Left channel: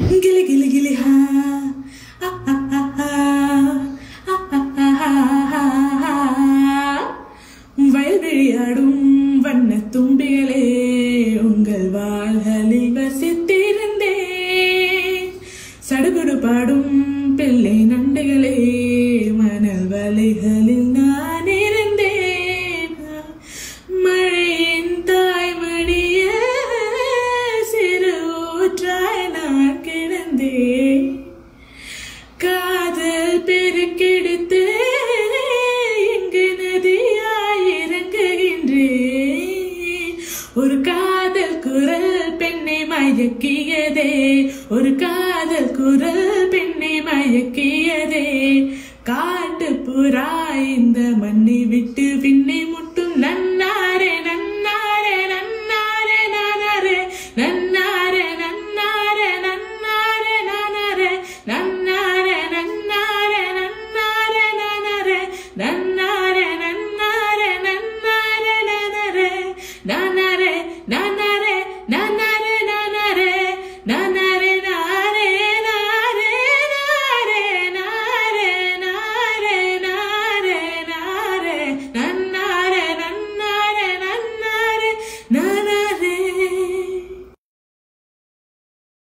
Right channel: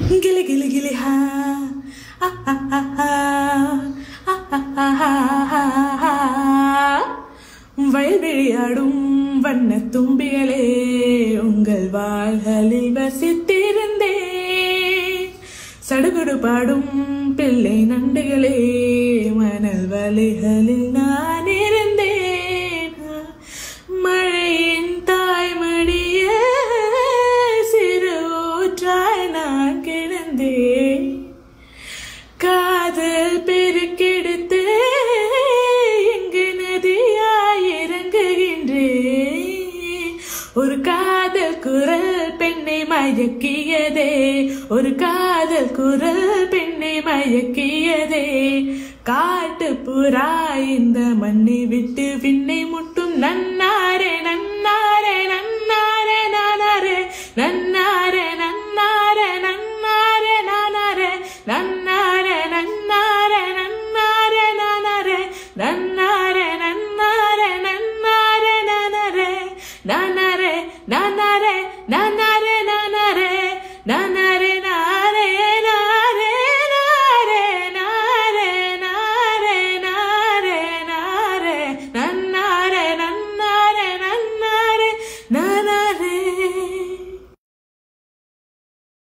கிளி கிளி கிளி ஹா வயல்விளையாடும் வண்ண தும்பிகளே உங்கள் வாள்களில் வசித்திருந்தேன். சடுகுடு பாடும் பிள்ளை நண்டுகளே மணல் வலைகளில் நான் இருந்தேன். மழையின் தாய்மடிய சிறு ஊற்றாய் நான் கிடந்தேன். காதல் பெருக்கெடுத்து இங்கு நதியாய் இறங்குகின்றேன். ஒரு காதல் குரல் பெண்ணை மயக்கியதே, ஒரு காதல் குரல் பெண்ணை மயக்கியதே. காட்டு புறா இந்த மண்ணை விட்டு விண்ணை